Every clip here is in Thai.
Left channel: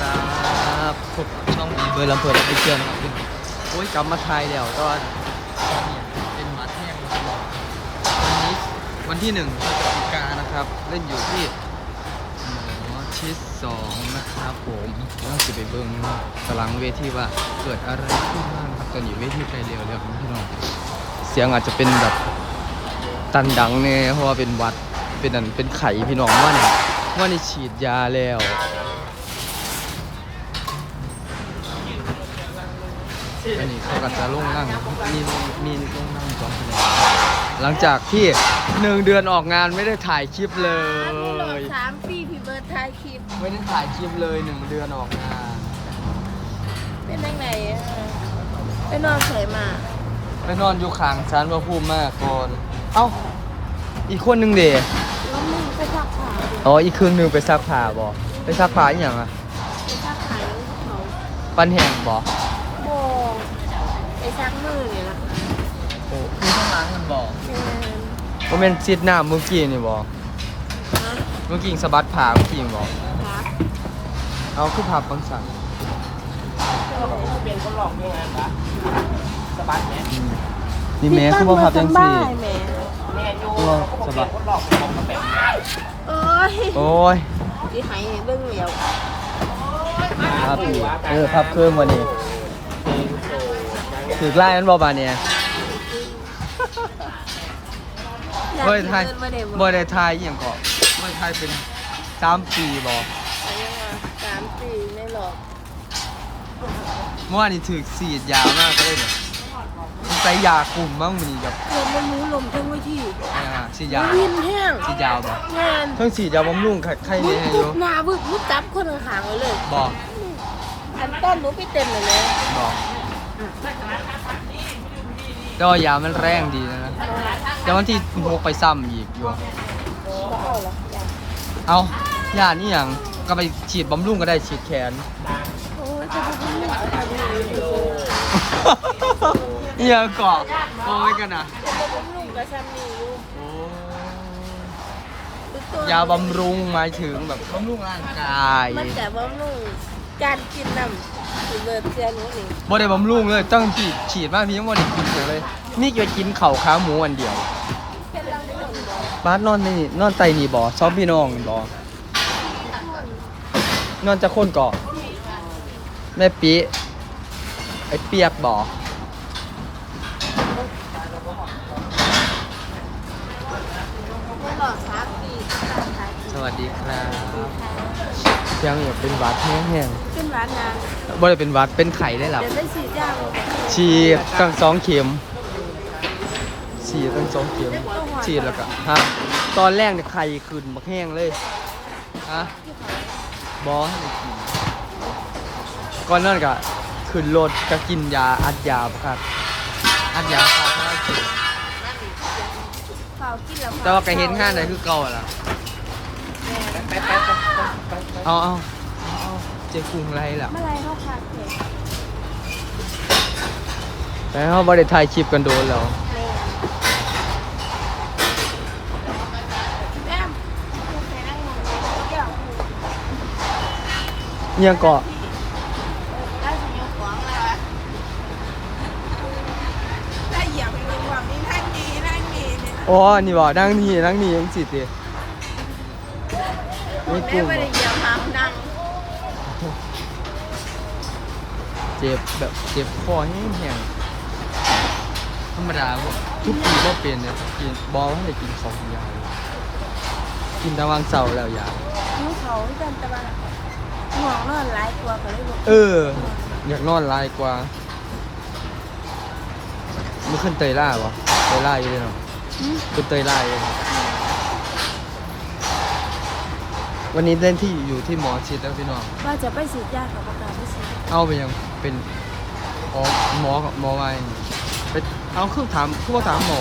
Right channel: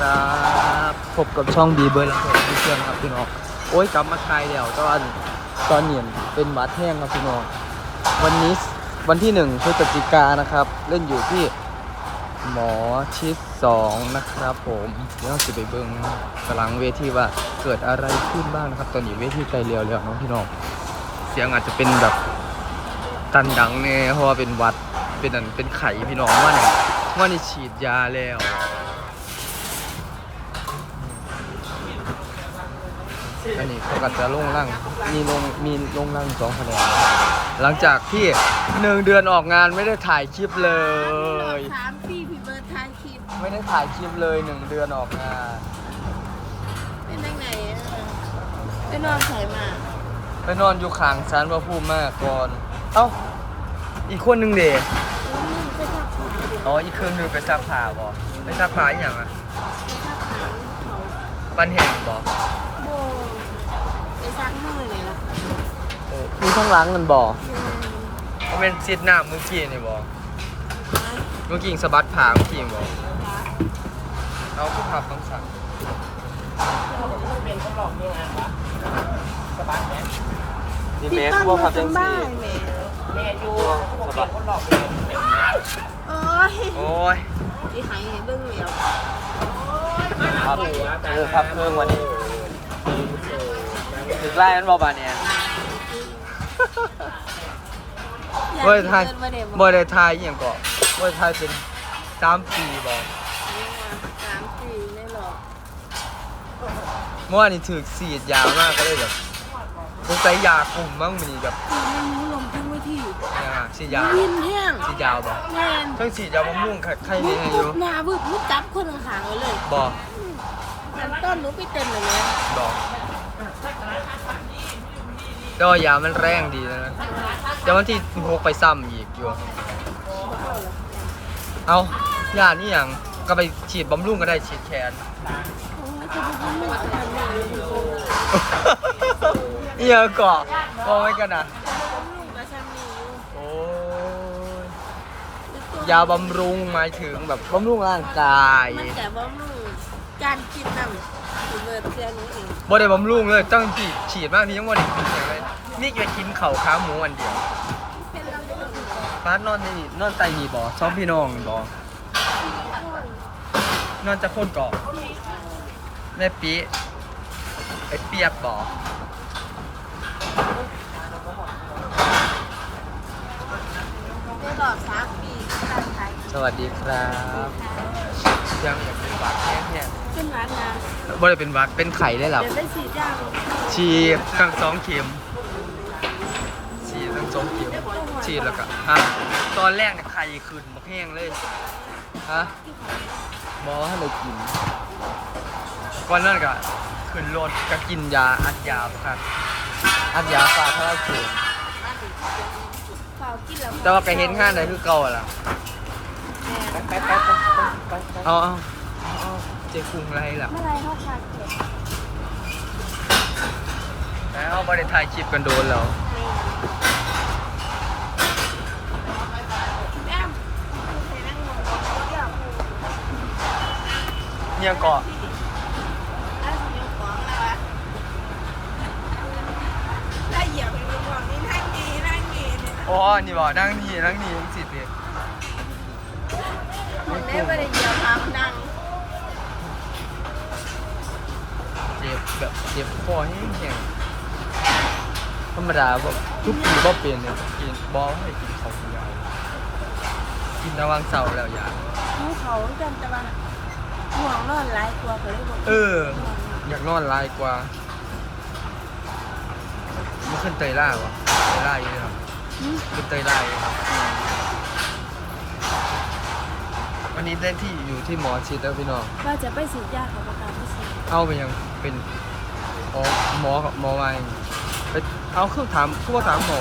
ครับพบกับช่องบีเบอร์ลำเพลินพิเชียนะครับพี่น้องโอ้ยกลับมาไทยแล้วตอนตอนเหมือนเป็นหวัดแห้งครับพี่น้องวันนี้วันที่หนึ่งพฤศจิกานนะครับ เล่นอยู่ที่หมอชิดสองนะครับ ผมเดี๋ยวเราจะไปเบิ้งตารางเวทีว่าเกิดอะไรขึ้นบ้างนะครับ ตอนนี้เวทีไกลเร็วแล้วน้องพี่น้องเสียงอาจจะเป็นแบบตันดังเนี่ยเพราะว่าเป็นวัดเป็นอันเป็นไข่พี่น้องว่าเนี่ยว่านี่ฉีดยาแล้ว อันนี้เขาก็จะลงล่างมีลงมีลงล่างสองคะแนนหลังจากที่หนึ่งเดือนออกงานไม่ได้ถ่ายคลิปเลย สามปีพี่เบิร์ดถ่ายคลิป ไม่ได้ถ่ายคลิปเลยหนึ่งเดือนออกงาน เป็นยังไงอะไปนอนใส่มาไปนอนอยู่ข้างชั้นว่าพูดมากก่อน เอ้า อีกคนหนึ่งเดแล้วมึงไปซักผ้าดิอ๋ออีกคืนหนึ่งไปซักผ้าบ่ไปซักผ้าอีกอย่างอะไปซักผ้าเขาปันแห้งบ่โบ ไปซักมือนี่ล่ะโอ้มีท้องล้างกันบ่แม่ว่าเป็นซิดหน้าเมื่อกี้นี่บ่นะเมื่อกี้สะบัดผ้าเมื่อกี้บ่คะเอาคือผ้าปังสันเป็นคนหลอกยังไงวะสะบัดไหมพี่ปั้นมาจนบ้าแหม่แม่อยู่เป็นคนหลอกเป็นคนแบบนี้โอ้ยโอ้ยอีไหายเรื่องเดียว ครับเออครับเครื่องวันนี้ ถือไล่นั้นบอบาเนี่ยบ่ได้ทายบ่ได้บ่ได้ทายอหย่างเกาะบ่ได้ทายเป็นสามปีบอกอายุมาสามสี่ไม่หรอกเมื่อวานนี้ถือสีดยาวมากก็เลยแบบสงสัยยากลุ่มมั้งมันนี่แบบเดี๋ยวมันรู้ลมทั้งวิธีเนี่ยสีดยาววินแห้งสีดยาวบอกแม่นเพิ่งสีดยาวบำรุงไข่ไข่มึเนี่งยอพุยู่ดหน้าบึกมึงจับคนข้างๆไว้เลยบ อกอันต้นหนูไปเต็มเลยนะดอกแต่ว่ายามันแรงดีนะนะแต่วันที่หกไปซ้ำอีกอยู่ บ่เอาละอย่างเอายานี่ยังก็ไปฉีดบำรุงก็ได้ฉีดแขน โอ้ยจะไปทำหนึ่งเอาทำหนึ่งอยู่เนี่ยเกาะกอไว้กันนะจะมาบำรุงกับชามีอยู่โอ้ยหรือตัวยาบำรุงหมายถึงแบบบำรุงร่างกาย มันจะบำรุง การกินน้ำสิเบิร์ดเสียหนู้นี่บ่ได้บำรุงเลยต้องฉีดฉีดมากพี่ยังบ่ได้กินเลย นี่จะกินเข่าวขาหมูอันเดียวเป็นลำคนบอกบ้านนอนนี่นอนไตนี่บ่ชอบพี่น้องบ่นอนจะคนก่อนแม่ปีไอ้เปียกบ่เมื่อบอกสามปีสวัสดีครับ ยังอยากเป็นหวัดแห้งเป็นร้านนะๆบ่ได้เป็นหวัดเป็นไข่ได้หรอ เดี๋ยวได้ฉีดยาบ่ฉีดตั้งสองเข็มฉีดตั้งสองเข็มฉีดแล้วก็ฮะตอนแรกเนี่ยไข่ขึ้นบักแห้งเลยฮะที่เขาบอให้เลยกินก่อนนั่นก็ขึ้นรถก็กินยาอัดยาครับอัดยาฟาคาราเกะเฝ้ากินแล้วแต่ว่าก็เห็นห้างไหนคือเก่าอะล่ะแม่ ไปไปไปไปไปเอาเอาเอาเอาเจ๊กุ้งไรล่ะเมื่อไรเขาขาดเผ็ดแล้วเขาบริถ่ายคลิปกันโดนแล้วแม่แม่คุณไปนั่งงงเดี๋ยวเนี่ยก่อนได้สิยกของแล้วอะได้เหยียบไปเป็นความนี้นั่งดีนั่งดีเนี่ย นะอ๋อนี่บอกนั่งนี่นั่งนี่ยังสิดิแม่ไม่ได้เหยียบทางนั่งเจ็บแบบเจ็บคอแห้งๆธรรมดาบ่ทุกปีบ่เป็นเนี่ยกินบอไม่ได้กินของยาวกินตะวันเสาร์แล้วยาน้องเขาจำแต่ว่าห่วงนอนหลายตัวก็เลยบอกเออ อยากนอนหลายกว่าเมื่อขึ้นเตยล่าวะเตยล่าอยู่เลยเนาะหืมขึ้นเตยล่าอยู่ครับ วันนี้เล่นที่อยู่ที่หมอชิดแล้วพี่น้อง ว่าจะไปฉีดยากับประกาศไม่ฉีดเอาไปยังเป็นหมอหมอหมอไว้ไปเอาคือถามคือว่าถามหมอ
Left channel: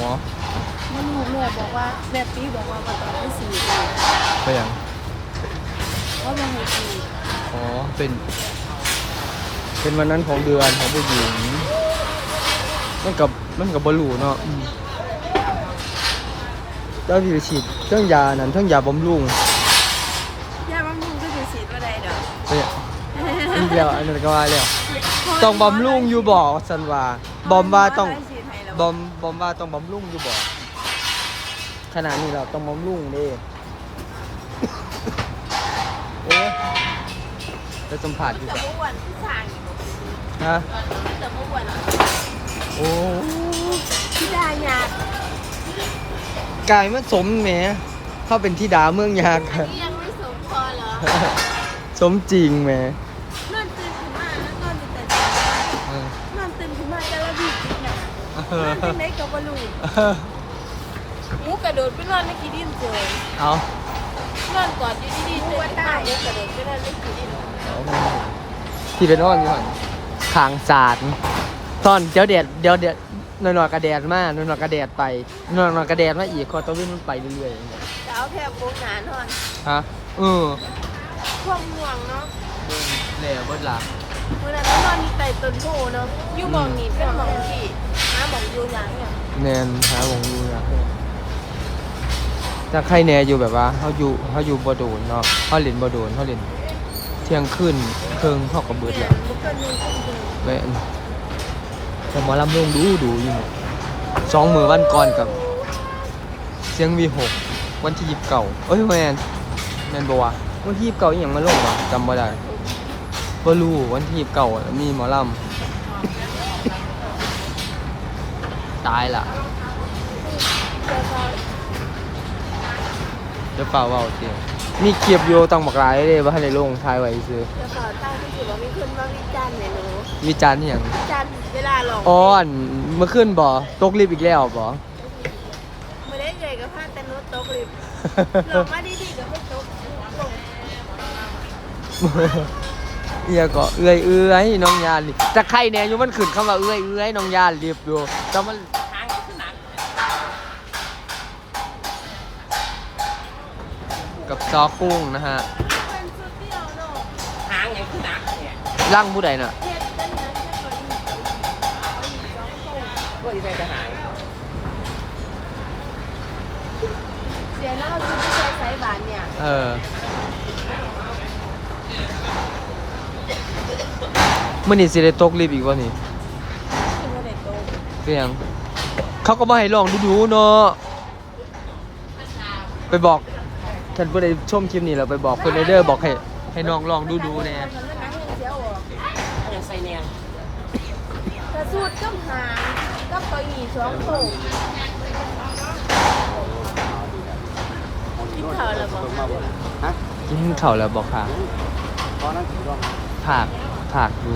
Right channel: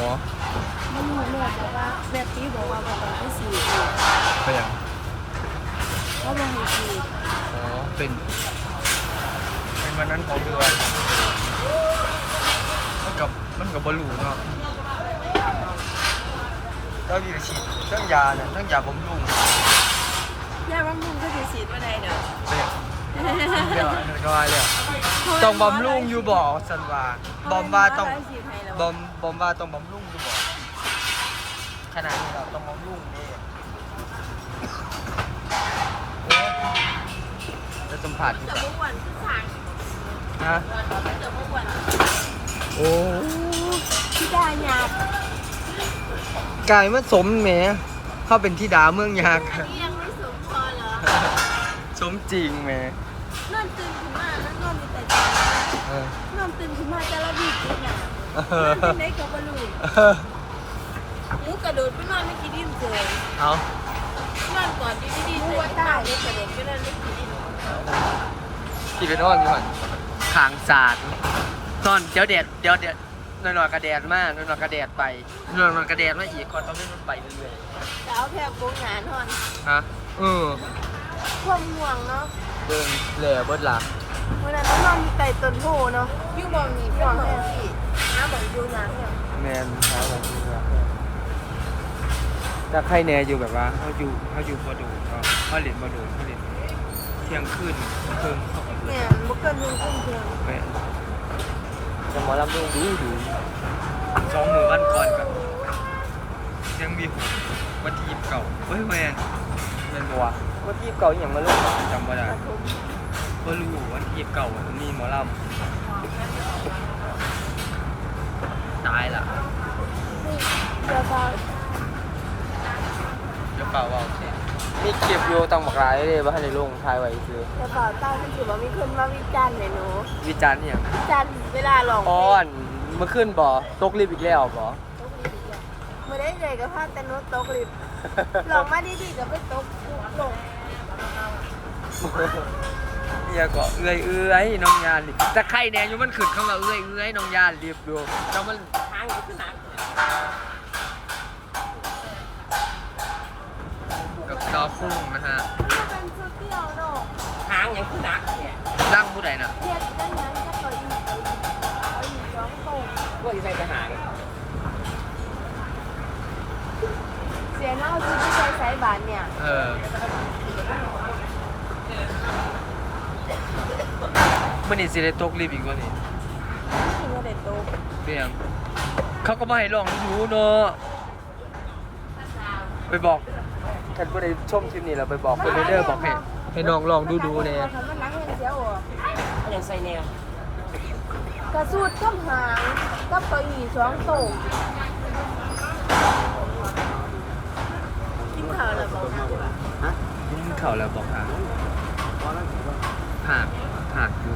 ไม่รู้แม่บอกว่าแม่ปีบอกว่าว่าต้องไปฉีดเลยไปยังเพราะว่าให้ฉีดอ๋อเป็น เป็นวันนั้นของเดือนของผู้หญิงมันกับมันกับบอลูเนาะอืมเจ้าที่ไปฉีดเครื่องยานั้นเครื่องยาบำรุง ก็จะฉีดว่าใดเด้อไปอะอีกแล้วอันนั้นก็ว่าแล้วต้องบำรุงอยู่บ่สันว่าบอมว่าต้องบอมบอมว่าต้องบำรุงอยู่บ่ขนาดนี้เราต้องบำรุงเด้โอ้ยจะสัมผัสอยู่จะปะเมื่อวันที่ทางฮะจะเมื่อวันโอ้ที่ดาหยาดกายมันสมแหมเข้าเป็นที่ดาเมืองยากอันนี้ยังไม่สมพอเหรอ สมจริงแหม อนตื่นขึ้นมาแต่ละบีบจิตหนาเอนอนอจังไดกับบอลูนเออหมูกระโดดไปนอนไม่กี่ดินเจยเอานอนก่อนอยู่ดีๆเจอตาหมูกระโดดไปนอนไม่กี่ดินที่เป็นอ้อนอยู่หันทางสาดตอนเดี๋ยวเดดเดี๋ยวเดดหน่อยๆกระแดดมากหน่อยๆกระแดดไปหน่อยๆกระแดดมาอีกก็ต้องวิ่งมันไปเรื่อยแต่เอาแทบโกงหนานอนๆฮะเออความห่วงเนาะเบิ่งแหล่เบิดล่ะ เมื่อนั้นนอนอยู่ใต้ต้นโพเนาะอยู่หมองนี้เป็นหมองที่หาหมองอยู่อย่างเนี่ยแน่นถ้าใครแน่อยู่แบบว่าเขาอยู่เขาอยู่บ่โดนเนาะเขาเล่นบ่โดนเขาเล่นเที่ยงคืนเคิงเขากับเบิดเนี่แล้ยวบุกเกินหนึ่งขึ้นเพียงแม่นผมว่าลำเบิ่งดูดูอยู่สองมือวันก่อนกับเสียงวีหกวันที่ยิบเก่าเอ้ยแมนแมนบอกว่าวันที่ยิบเก่าอหย่างมาเลยจำไม่ได้ปฐมบ่ รู้วันที่ยิบเก่าอะมีหมอลำตายละเจ้าฟ้าเดี๋ยวเปล่าเว่าเดียวมีเกียบโยต้องบอกลายเลยว่าให้ในโรงทายไว้ซื้อเจ้าฟ้าใต้มันถือว่ามีคนมาวิจารณ์เนี่ยหนูวิจารณ์อหย่างวิจารณ์เวลาลองอ๋ออันเมื่อคืนบ่ตกลิฟต์อีกแล้วบ่เมื่อได้เลยกับพาแต่นุตกลิฟลองมาดีๆกับไปตกลง เอียก็เอื้อยเอื้อยน้องยานลิฟต์จะใครเนี่ยอยู่มันขึ้นคำว่าเอื้อยเอื้อยน้องยานลิฟต์อยู่แต่มันทางขึ้นหนักกับจอกุ้งนะฮะมันเป็นชุดเดียวเนาะทางอย่างขึ้นหนักเนี่ยร่างผู้ใดน่ะเฮ็ดจังนั้นจะก็อีกเอาอีกสองโต๊ะก็อีใส่กระหางเสียเน่าชุดที่ใช้ใช้บานเนี่ย เออ มื่อนี้สิได้ตกลิฟต์อีกวะนี่ถึงจะได้โต๊ะเพียงเขาก็มาให้ลองดูดูๆเนาะไปบอกฉันเพิ่งได้ชมคลิปนี้แล้วไปบอกเพื่อนเด้อบอกให้ให้น้องลองดูดูๆเนี่ยมันมันนักเห็นเสียวออกอย่างใส่เนี่ยกระสูดกับหางกับเก้าอี้สองโต๊ะกินข้าวแล้วบอกกินข้าวแล้วบอกค่ะผาก ผากดู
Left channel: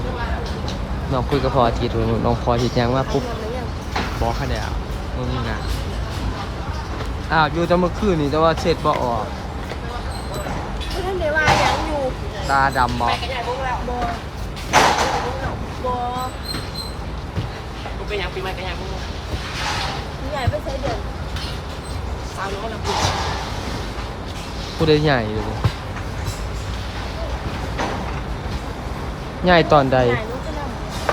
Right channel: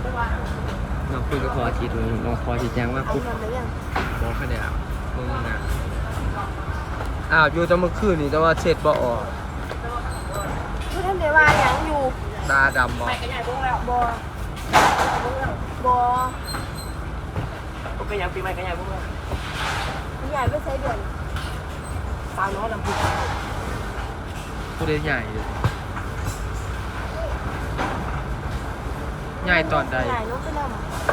น้องคุยกับพอทีดูน้องพอทีแจ้งว่าไปปุ๊บนอนหรือยังบอกค่ะเดี๋ยวมึงนะอ้าวอยู่แต่เมื่อคืนนี่แต่ว่าเสร็จบ่ออกผู้ท่านได้ว่าหยังอยู่ตาดำบไปอกกระยายบุ้งแล้วบอบอบุ้งเป็นยังปีใหม่กระยายบุ้งมีใหญ่ไปใช้เดือนตามน้องลำพูผู้ได้ใหญ่เลย ใหญ่ตอนใดใหญ่นุ๊กไปน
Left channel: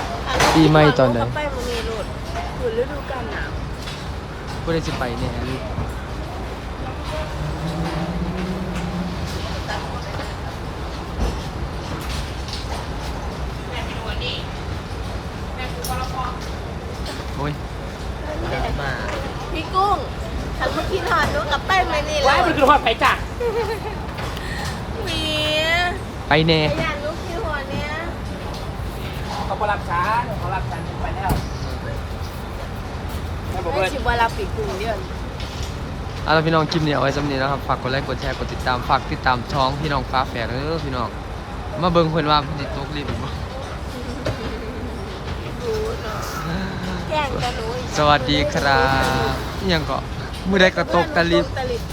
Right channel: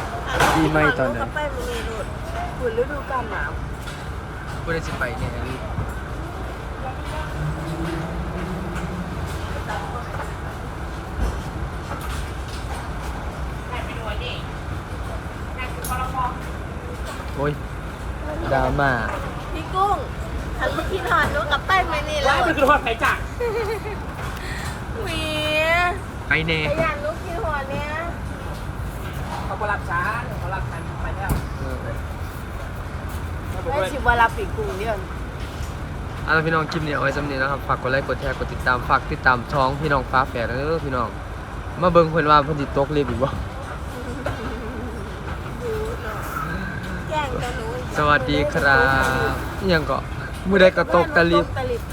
ำปีใหม่ตอนไหนกับไปมันมีรถฝืนฤดูกาลหนาวผู้ได้สิไปแน่ลูกโอ้ยดราม่าพี่กุ้งฉันเมื่อกี้นอนนุ๊กกับไปมันนี่แล้วไปดูว่าไปจ้ะหวีไปแน่ไอ้ยานนุ๊กกินหัวเนี้ย เขาบรับช้าเขารับช้าไปแล้วเออไม่บอกไอ้เลยชิบวาลาปีกุ้งเดือนเอาล่ะพี่น้องคลิปนี้เอาไว้สำนี้นะครับ ฝากกดไลค์ กดแชร์ กดติดตาม ฝากติดตามช่องพี่น้องฟ้าแฝดเด้อพี่น้อง มาเบิ่งเพิ่นว่าเพิ่นสิตกลิฟต์อีกบ่ดูเนาะแกล้งกันหนูอีกสวัสดีครับอิหยังก็มื้อใดก็ตกตะลิฟต์ตะลิฟต์